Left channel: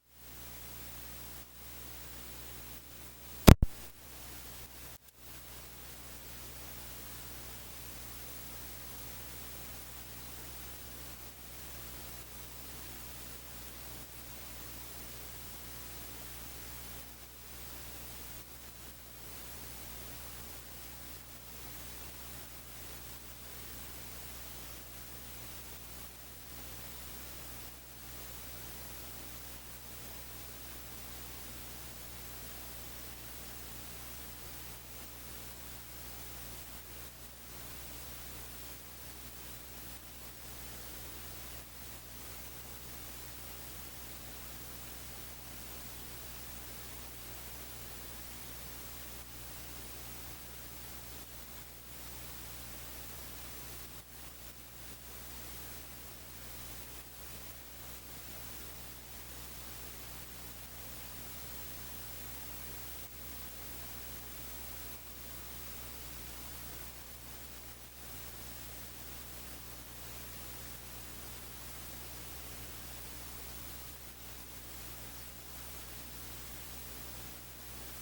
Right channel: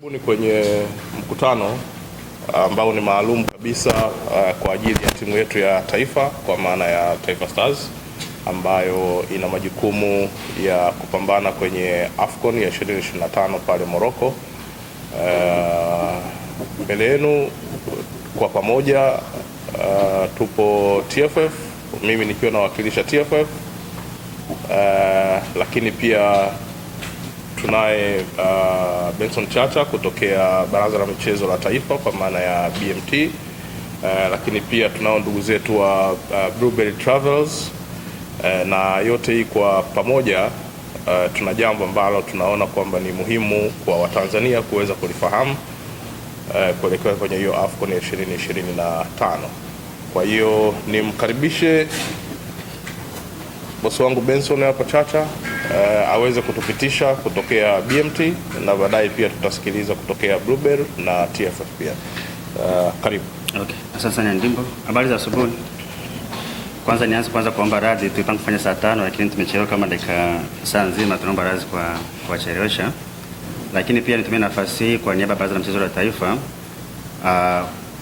Karibuni kwenye mkutano ambao ni maalum kabisa kwa ajili ya timu yetu ya taifa kwa maana ya Taifa Stars ambayo ina majukumu ya kupambana kwenye AFCON ya 2025 pale Morocco. Mbele yenu kwa pamoja tupo TFF, mimi nikiwa nawakilisha TFF, lakini pia tunaye Benson Chacha kutokea Baraza la Michezo la Taifa kwa maana ya BMT, lakini pia tunao ndugu zetu wa Blueberry Travels, na yote hii kwa pamoja tuna jambo ambalo tunaona kwamba ni muhimu kwa Watanzania kuweza kulifahamu kuelekea kwenye hiyo AFCON ya 2025. Kwa hiyo nimkaribishe bosi wangu Benson hapa Chacha aweze kutupitisha kutokea BMT na baadaye pia tutasikiliza kutokea Blueberry na TFF pia. Karibu. Okay. Asante sana Ndimbo. Habari za asubuhi. Kwanza nianze kuomba radhi, tulipanga kufanya saa 5 lakini tumechelewa kama dakika saa nzima, tunaomba radhi kwa kuchelewesha. Lakini pia nitumie nafasi hii kwa niaba ya Baraza la Michezo la Taifa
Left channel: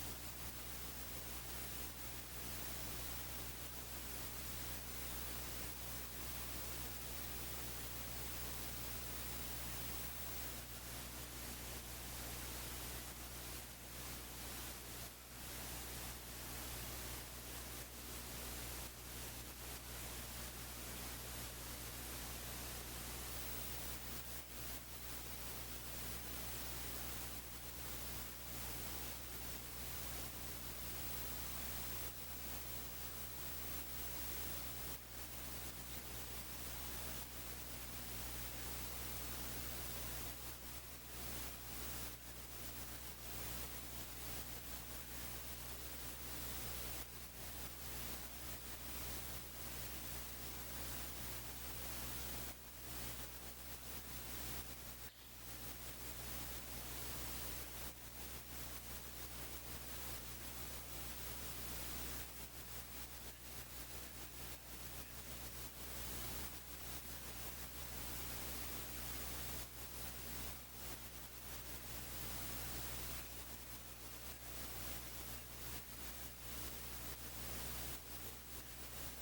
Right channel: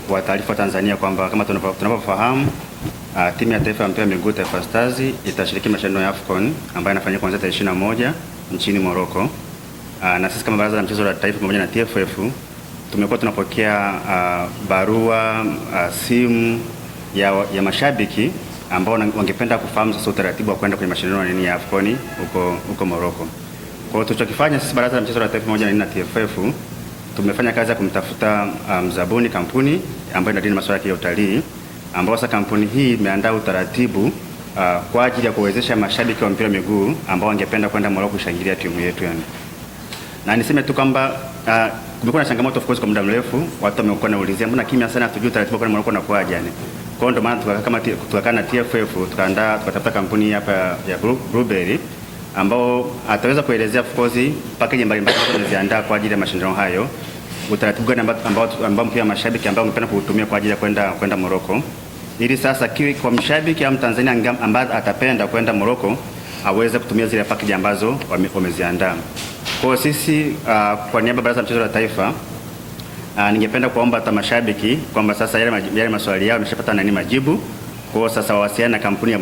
kwa taarifa Tanzania kwamba kama tunavyofahamu timu ya taifa ya mpira wa miguu Taifa Stars itashiriki mashindano ya AFCON ambayo yanafanyika kuanzia tarehe 21 nchini Morocco. Na sisi kama Baraza la Michezo la Taifa pamoja na TFF tumekuwa tunapokea barua, simu ya mashabiki ambao wangependa kufahamu sasa utaratibu wa kwenda kwenye mashindano ya AFCON huko Morocco. Kwa hiyo tulichokifanya sisi Baraza la Michezo la Taifa pamoja na TFF tumefanya kazi ya kumtafuta mzabuni, kampuni ambayo inadili masuala ya utalii, ambao sasa kampuni hii imeandaa utaratibu kwa ajili ya kuwezesha mashabiki wa mpira wa miguu ambao wangependa kwenda Morocco kushangilia timu yetu yani. Na niseme tu kwamba kumekuwa na changamoto of course kwa muda mrefu, watu wamekuwa wanaulizia mbona kimya sana, hatujui utaratibu kwa Morocco na kwaje yani. Kwa hiyo ndio maana tukakaa na TFF tukatafuta kampuni hapa ya Blueberry ambao ataweza kuelezea of course package mbalimbali ambazo tumeziandaa kwa ajili ya mashindano hayo, utaratibu gani ambao mpira mashabiki ambao wangependa kuutumia kwa ajili ya kwenda Morocco, ili sasa kwa mshabiki au Mtanzania ambaye atapenda kwenda Morocco aweze kutumia zile package ambazo wameziandaa. Kwa sisi kwa niaba ya Baraza la Michezo la Taifa ningependa kuomba hata mashabiki kwamba sasa yale maswali yao yameshapata majibu. Kwa sasa wawasiliane na kampuni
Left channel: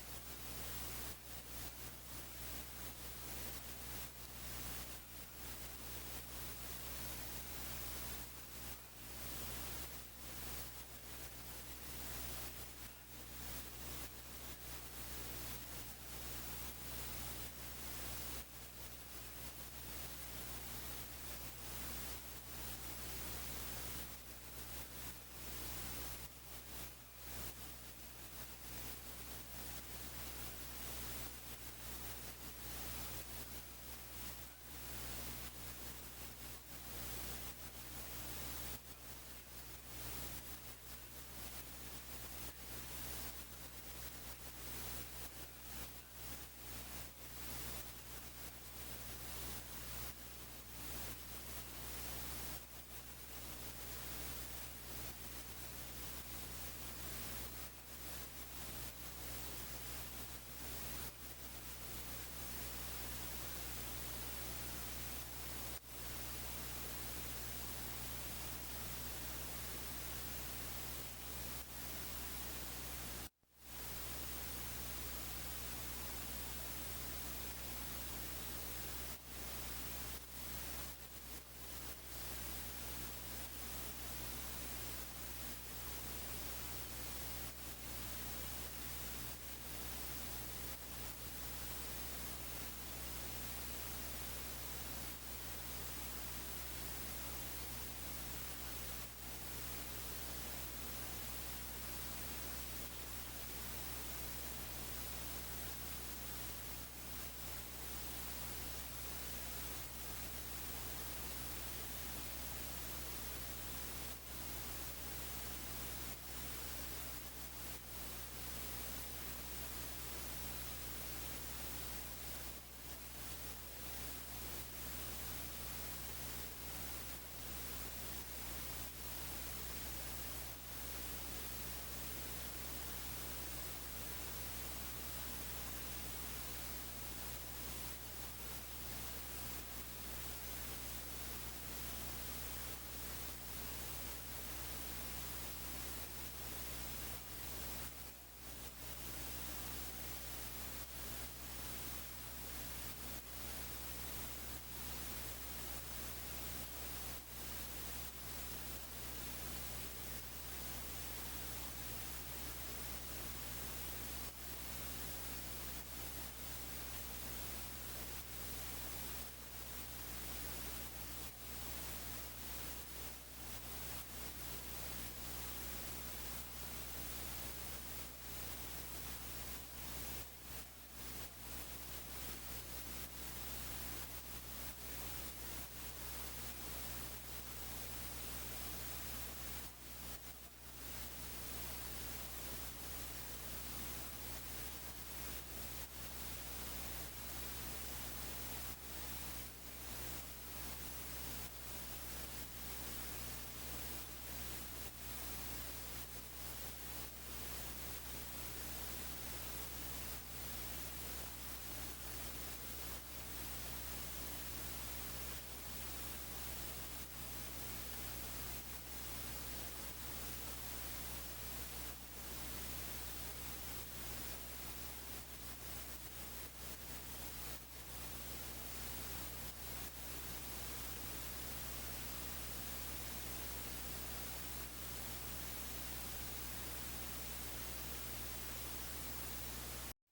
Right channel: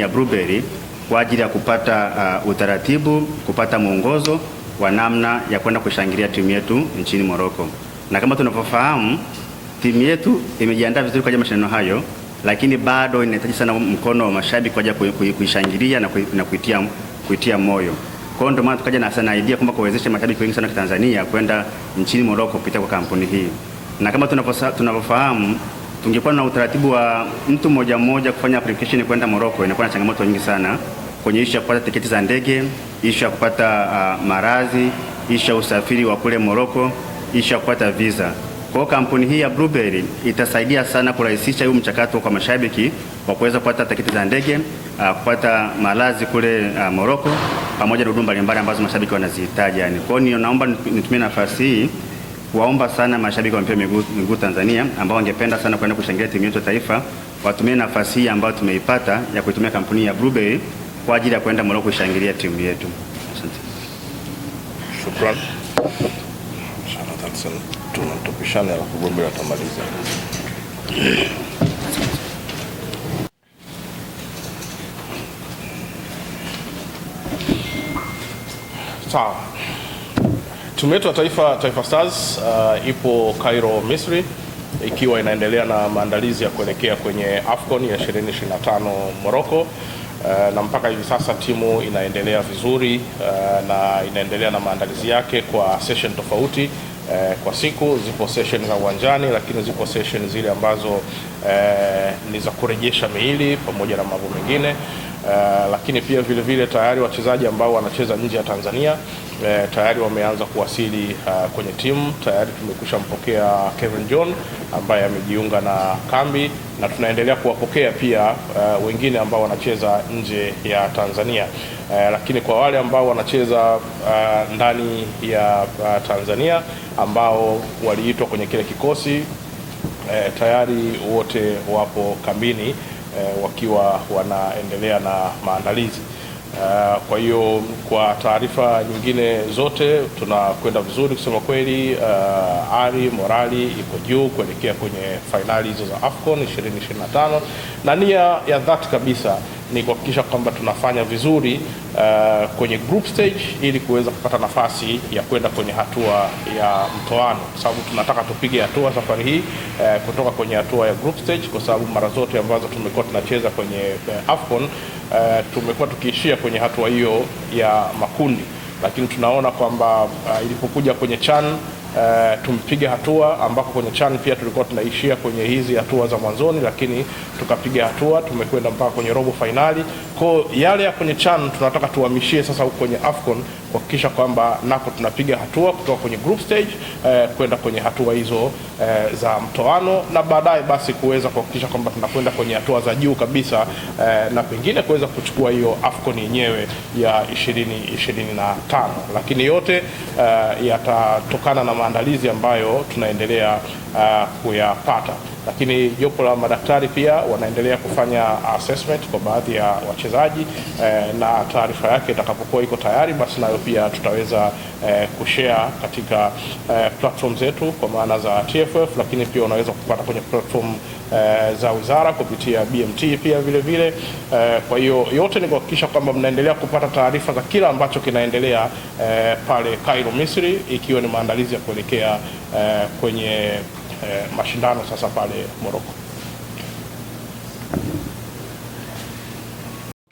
ya Blueberry kwa ajili ya kupata utaratibu, kupata mwongozo wa namna ya kwenda kushangilia timu yetu nchini Morocco. Na kama tunavyofahamu timu yetu imejiandaa vizuri kwa ajili ya mashindano hayo, lakini bado inahitaji sana mkono wa mashabiki kwa ajili ya kuishangilia na kuitia moyo. Kwa hiyo ndio maana tukaja na sana idea kwamba kuwezesha mashabiki wengi sana wa Tanzania kwenda nchini Morocco kupitia kwa kampuni hii. Na kama tunavyofahamu tungekuwa na utaratibu wa mtu mmoja kufanya application kwenda Morocco, inakuwa na changamoto nyingi sana kwenye issue ya kupata tiketi za ndege, issue ya kupata marazi, issue ya usafiri wa kule Morocco, issue ya kupata visa. Kwa hiyo kampuni hii ya Blueberry itasaidia sana kurahisisha huu mchakato kwa mashabiki wa kuweza kupata tiketi za ndege, kupata malazi kule Morocco pamoja na huduma mbalimbali ambazo mashabiki wanazihitaji yani. Kwa hiyo naomba nitumie nafasi hii kuwaomba sana mashabiki wa mpira miguu Tanzania ambao wangependa sana kwenda kushangilia timu yetu ya taifa watumie nafasi hii ambayo tumeipata ya kuitumia kampuni ya Blueberry kwa ajili ya kwenda Morocco kushangilia timu yetu. Asante. Shukrani. Tunatupishana na kugombea tamaliza. Sawa. Timu yetu ya Taifa Stars ipo Cairo, Misri, ikiwa inaendelea na maandalizi ya kuelekea kwenye AFCON ya 2025 Morocco. Na mpaka hivi sasa timu inaendelea vizuri na inaendelea na maandalizi yake kwa session tofauti. Kwa siku zipo session za uwanjani, lakini zipo session zile ambazo ni za kurejesha miili pamoja na mambo mengine. Lakini pia vile tayari wachezaji ambao wanacheza nje ya Tanzania tayari wameanza kuwasili kwenye timu. Tayari tumekusha mpokea Kevin John ambaye amejiunga na kambi, na tunaendelea kuwapokea pia wengine ambao wanacheza nje ya Tanzania. Lakini kwa wale ambao wanacheza ndani ya Tanzania ambao waliitwa kwenye kile kikosi tayari wote wapo kambini wakiwa wanaendelea na maandalizi. Kwa hiyo kwa taarifa nyingine zote tunakwenda vizuri kusema kweli. Ari morali iko juu kuelekea kwenye fainali hizo za AFCON 2025 na nia ya dhati kabisa ni kuhakikisha kwamba tunafanya vizuri kwenye group stage ili kuweza kupata nafasi ya kwenda kwenye hatua ya mtoano, kwa sababu tunataka tupige hatua safari hii kutoka kwenye hatua ya group stage, kwa sababu mara zote ambazo tumekuwa tunacheza kwenye AFCON tumekuwa tukiishia kwenye hatua hiyo ya makundi, lakini tunaona kwamba ilipokuja kwenye CHAN tumepiga hatua ambako kwenye CHAN pia tulikuwa tunaishia kwenye hizi hatua za mwanzoni, lakini tukapiga hatua, tumekwenda mpaka kwenye robo finali. Kwa yale ya kwenye CHAN tunataka tuhamishie sasa huko kwenye AFCON kuhakikisha kwamba nako tunapiga hatua kutoka kwenye group stage kwenda kwenye hatua hizo za mtoano, na baadaye basi kuweza kuhakikisha kwamba tunakwenda kwenye hatua za juu kabisa na pengine kuweza kuchukua hiyo AFCON yenyewe ya 2025, lakini yote yatatokana na maandalizi ambayo tunaendelea kuyapata. Lakini jopo la madaktari pia wanaendelea kufanya assessment kwa baadhi ya wachezaji na taarifa yake itakapokuwa iko tayari, basi nayo pia tutaweza kushare katika platform zetu kwa maana za TFF, lakini pia unaweza kupata kwenye platform za wizara kupitia BMT pia vile vile. Kwa hiyo yote ni kuhakikisha kwamba mnaendelea kupata taarifa za kila ambacho kinaendelea pale Cairo, Misri, ikiwa ni maandalizi ya kuelekea kwenye mashindano sasa pale Morocco.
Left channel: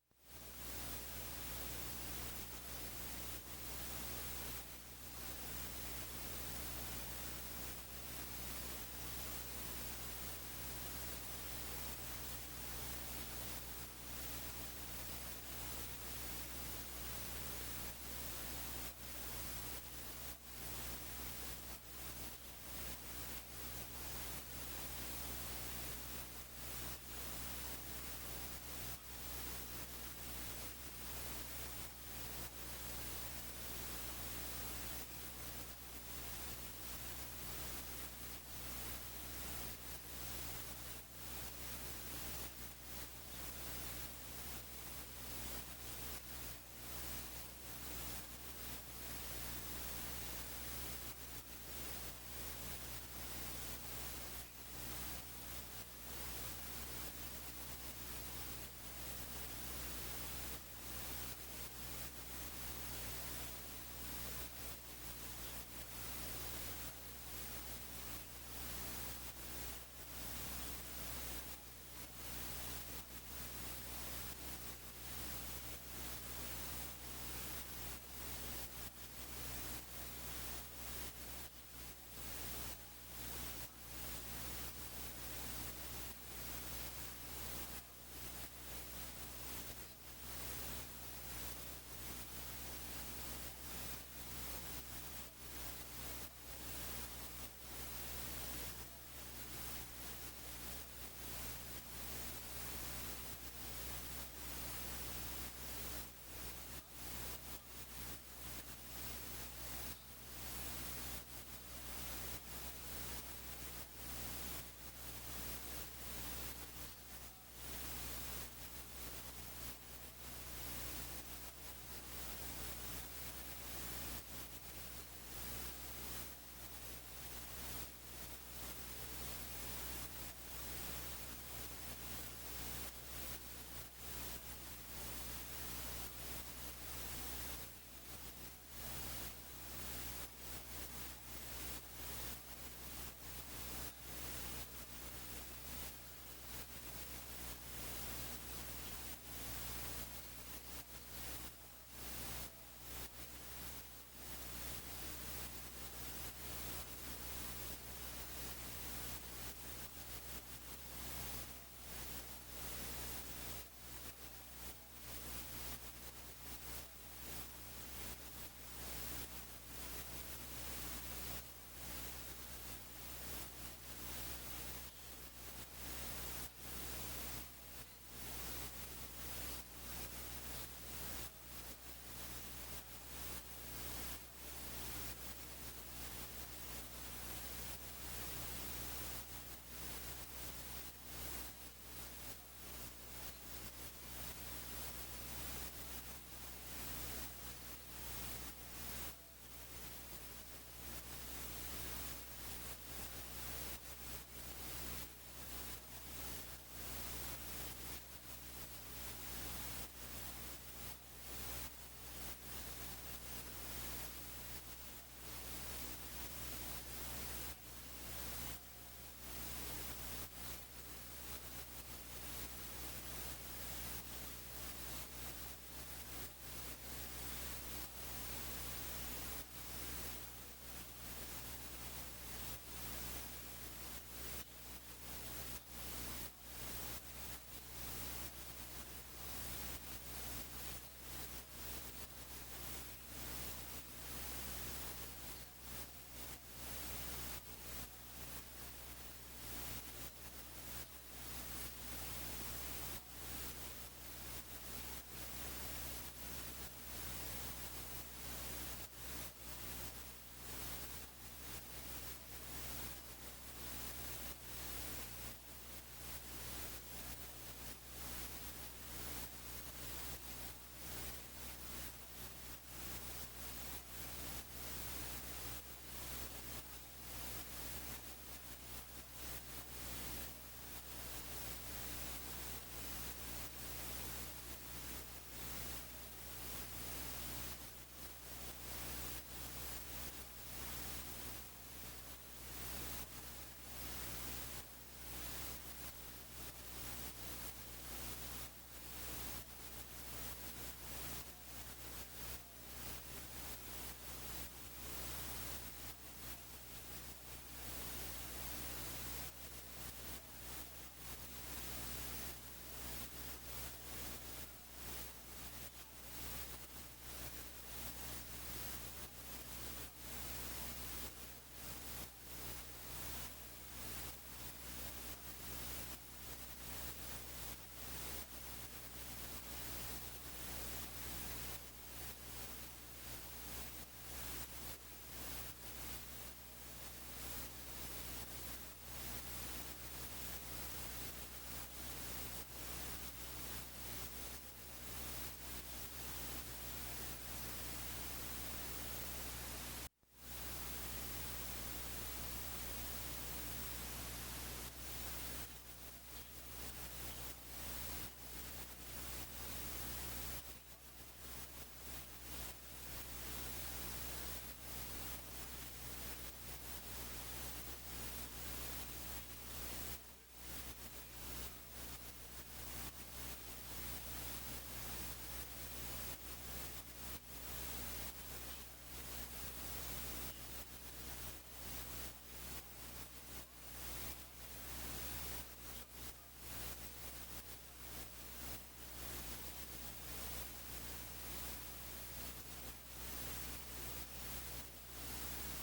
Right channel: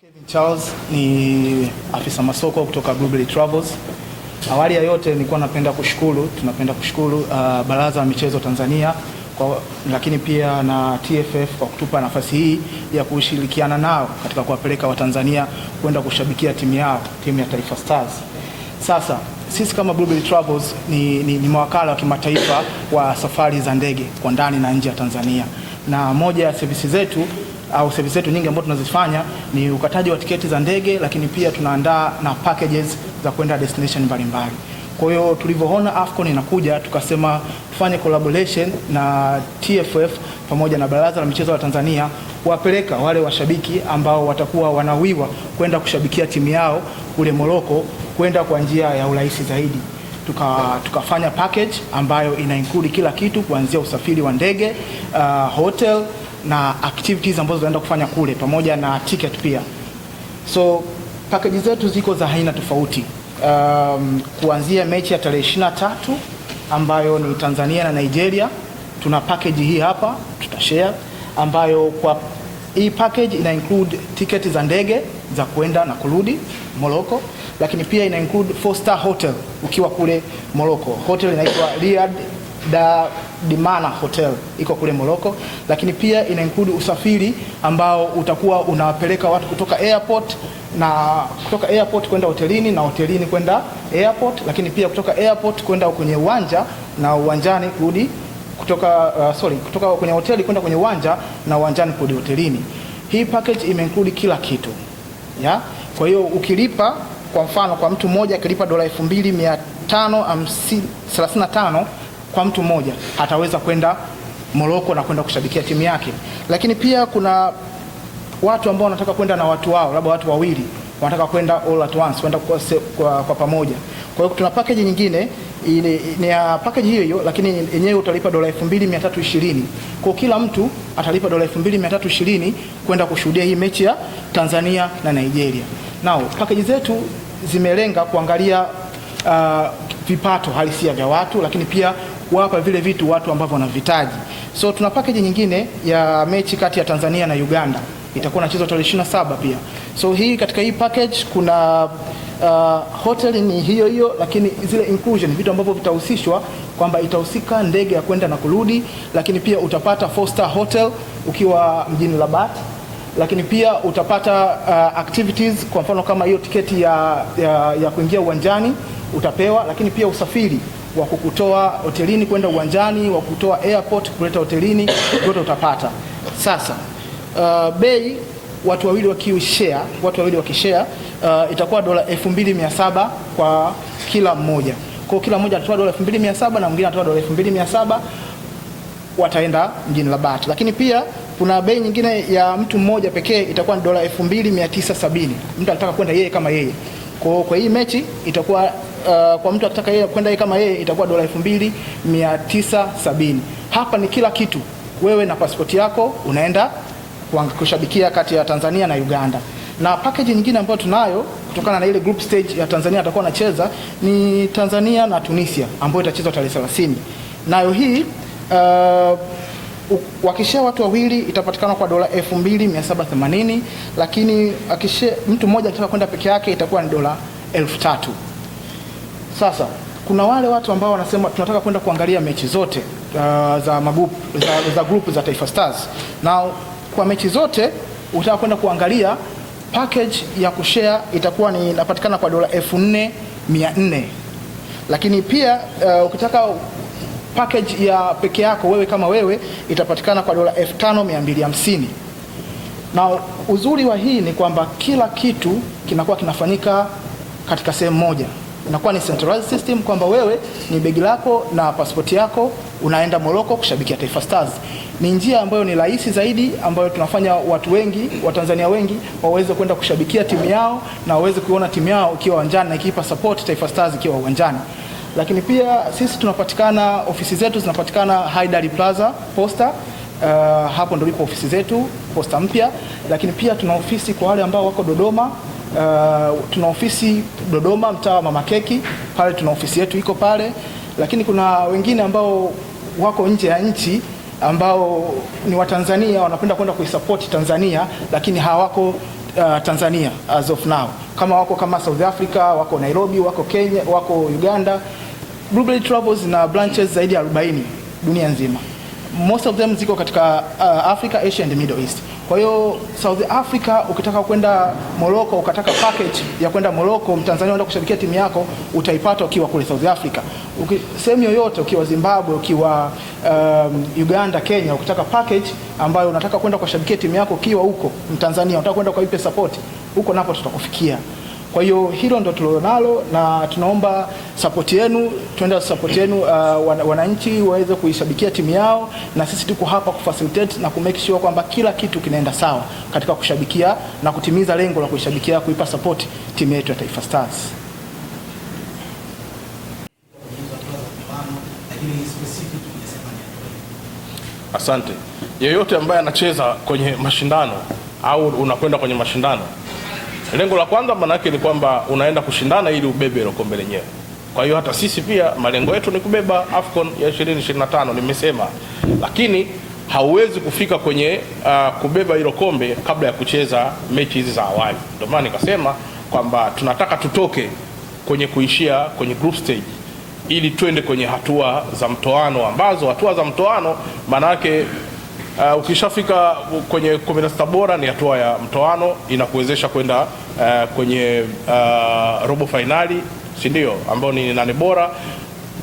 Kevin Charles ni afisa masoko kutoka Blueberry Travels. Awali ya yote nilikuwa tunapenda kushukuru Baraza la Michezo Tanzania lakini pia na TFF kwa kutupa nafasi hii ya kushirikiana nao katika kuwapeleka Watanzania kwenda kushabikia timu ya Taifa Stars. Sasa sisi kama Blueberry Travels ni mawakala wa kimataifa wa safari za ndege kwa ndani na nje ya Tanzania, na moja ya services zetu nyingi ambazo tunazifanya ni ukataji wa tiketi za ndege, lakini pia tunaandaa na packages za kwenda destination mbalimbali. Kwa hiyo tulivyoona AFCON inakuja, tukasema tufanye collaboration na TFF pamoja na Baraza la Michezo la Tanzania kuwapeleka wale washabiki ambao watakuwa wanawiwa kwenda kushabikia timu yao kule Morocco kwenda kwa njia ya urahisi zaidi. Tukafanya package ambayo ina include kila kitu kuanzia usafiri wa ndege, hotel na activities ambazo tunaenda kufanya kule pamoja na ticket pia. So package zetu ziko za aina tofauti. Kuanzia mechi ya tarehe 23 ambayo ni Tanzania na Nigeria, tuna package hii hapa tutashare, ambayo kwa hii package ina include tiketi za ndege za kwenda na kurudi Morocco, lakini pia ina include 4-star hotel ukiwa kule Morocco. Hotel inaitwa Riyadh Dimana Hotel, iko kule Morocco, lakini pia ina include usafiri ambao utakuwa unawapeleka watu kutoka airport kwenda hotelini na hotelini kwenda airport, lakini pia kutoka airport kwenda kwenye uwanja na uwanjani kurudi kutoka kwenye hoteli kwenda kwenye uwanja na uwanjani kurudi hotelini. Hii package include kila kitu. Kwa hiyo ukilipa, kwa mfano kwa mtu mmoja akilipa $2,535 kwa mtu mmoja ataweza kwenda Morocco na kwenda kushabikia timu yake. Lakini pia kuna watu ambao wanataka kwenda na watu wao, labda watu wawili wanataka kwenda all at once, kwenda kwa pamoja. Kwa hiyo tuna package nyingine ni ya package hiyo, lakini yenyewe utalipa $2,320. Kwa kila mtu atalipa $2,320 kwenda kushuhudia hii mechi ya Tanzania na Nigeria. Nao package zetu zimelenga kuangalia vipato halisia vya watu, lakini pia kuwapa vile vitu watu ambao wanavitaji. So tuna package nyingine ya mechi kati ya Tanzania na Uganda, itakuwa inachezwa tarehe 27 pia. So hii katika hii package kuna hotel ni hiyo, lakini zile inclusion vitu ambavyo vitahusishwa kwamba itahusika ndege ya kwenda na kurudi, lakini pia utapata 4-star hotel ukiwa mjini Rabat, lakini pia utapata activities, kwa mfano kama hiyo tiketi ya kuingia uwanjani utapewa, lakini pia usafiri wa kukutoa hotelini kwenda uwanjani, wa kutoa airport kuleta hotelini, yote utapata. Sasa bei watu wawili wakishare itakuwa $2,700 kwa kila mmoja. Kwa kila mmoja atatoa $2,700 na mwingine atatoa $2,700, wataenda mjini Rabat. Lakini pia kuna bei nyingine ya mtu mmoja pekee itakuwa ni dola 2970. Mtu anataka kwenda yeye kama yeye. Kwa hii mechi itakuwa kwa mtu akitaka yeye kwenda yeye kama yeye itakuwa dola 2970. Hapa ni kila kitu. Wewe na pasipoti yako unaenda kushabikia kati ya Tanzania na Uganda. Na package nyingine ambayo tunayo kutokana na ile group stage ya Tanzania atakuwa anacheza ni Tanzania na Tunisia ambayo itachezwa tarehe 30. Nayo hii wakishia watu wawili itapatikana kwa dola 2780, lakini akishia mtu mmoja akitaka kwenda peke yake itakuwa ni dola 3000. Sasa kuna wale watu ambao wanasema tunataka kwenda kuangalia mechi zote za group za Taifa Stars. Na kwa mechi zote utaka kwenda kuangalia, package ya kushare itakuwa ni inapatikana kwa dola 4400. Lakini pia ukitaka package ya peke yako wewe kama wewe itapatikana kwa dola 5250. Na uzuri wa hii ni kwamba kila kitu kinakuwa kinafanyika katika sehemu moja. Inakuwa ni centralized system kwamba wewe ni begi lako na pasipoti yako unaenda Morocco kushabikia Taifa Stars. Ni njia ambayo ni rahisi zaidi ambayo tunafanya watu wengi, Watanzania wengi waweze kwenda kushabikia timu yao na waweze kuona timu yao ikiwa uwanjani na ikipa support Taifa Stars ikiwa uwanjani. Lakini pia sisi tunapatikana, ofisi zetu zinapatikana Haidari Plaza Posta. Hapo ndio lipo ofisi zetu Posta mpya. Lakini pia tuna ofisi kwa wale ambao wako Dodoma. Tuna ofisi Dodoma mtaa wa Mama Keki, pale tuna ofisi yetu iko pale. Lakini kuna wengine ambao wako nje ya nchi ambao ni Watanzania wanapenda kwenda kuisupport Tanzania lakini hawako Tanzania as of now. Kama wako kama South Africa, wako Nairobi, wako Kenya, wako Uganda. Blueberry Travels na branches zaidi ya 40 dunia nzima. Most of them ziko katika Africa, Asia and Middle East. Kwa hiyo South Africa ukitaka kwenda Morocco, ukataka package ya kwenda Morocco, Mtanzania unaenda kushabikia timu yako, utaipata ukiwa kule South Africa. Sehemu yoyote, ukiwa Zimbabwe, ukiwa Uganda, Kenya, ukitaka package ambayo unataka kwenda kushabikia timu yako ukiwa huko Mtanzania, unataka kwenda kuipe support, huko napo tutakufikia. Kwa hiyo hilo ndo tulionalo na tunaomba support yenu, tuende support yenu wananchi waweze kuishabikia timu yao, na sisi tuko hapa kufacilitate na kumake sure kwamba kila kitu kinaenda sawa katika kushabikia na kutimiza lengo la kuishabikia, kuipa support timu yetu ya Taifa Stars. Asante. Yeyote ambaye anacheza kwenye mashindano au unakwenda kwenye mashindano, lengo la kwanza manake ni kwamba unaenda kushindana ili ubebe ile kombe lenyewe. Kwa hiyo hata sisi pia malengo yetu ni kubeba AFCON ya 2025 nimesema. Lakini hauwezi kufika kwenye kubeba hilo kombe kabla ya kucheza mechi hizi za awali. Ndio maana nikasema kwamba tunataka tutoke kwenye kuishia kwenye group stage ili twende kwenye hatua za mtoano, ambazo hatua za mtoano manake ukishafika kwenye 16 bora ni hatua ya mtoano, inakuwezesha kwenda kwenye robo finali, si ndio, ambao ni 8 bora,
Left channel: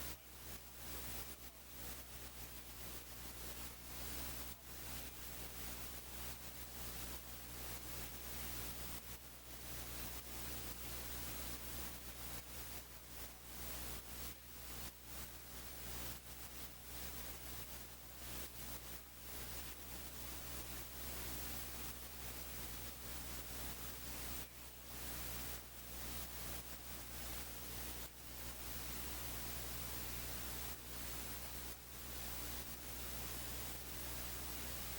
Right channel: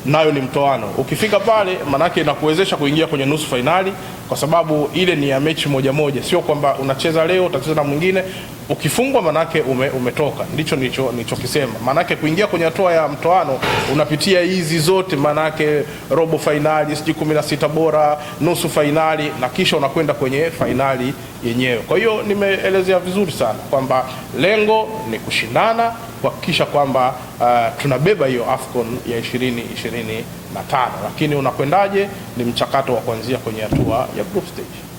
nayo ni mtoano. Ukifika pale manake inakuwezesha kuingia kwenye nusu finali, kwa sababu ile ni ya mechi moja moja, sio kwamba unacheza leo utacheza na mwingine, ukifungwa manake umetoka. Ndicho nilichokisema. Manake kuingia kwenye hatua ya mtoano unapitia hizi zote, manake robo finali, 16 bora, nusu finali, na kisha unakwenda kwenye finali yenyewe. Kwa hiyo nimeelezea vizuri sana kwamba lengo ni kushindana, kuhakikisha kwamba tunabeba hiyo AFCON ya 2025, lakini unakwendaje ni mchakato wa kuanzia kwenye hatua ya group stage.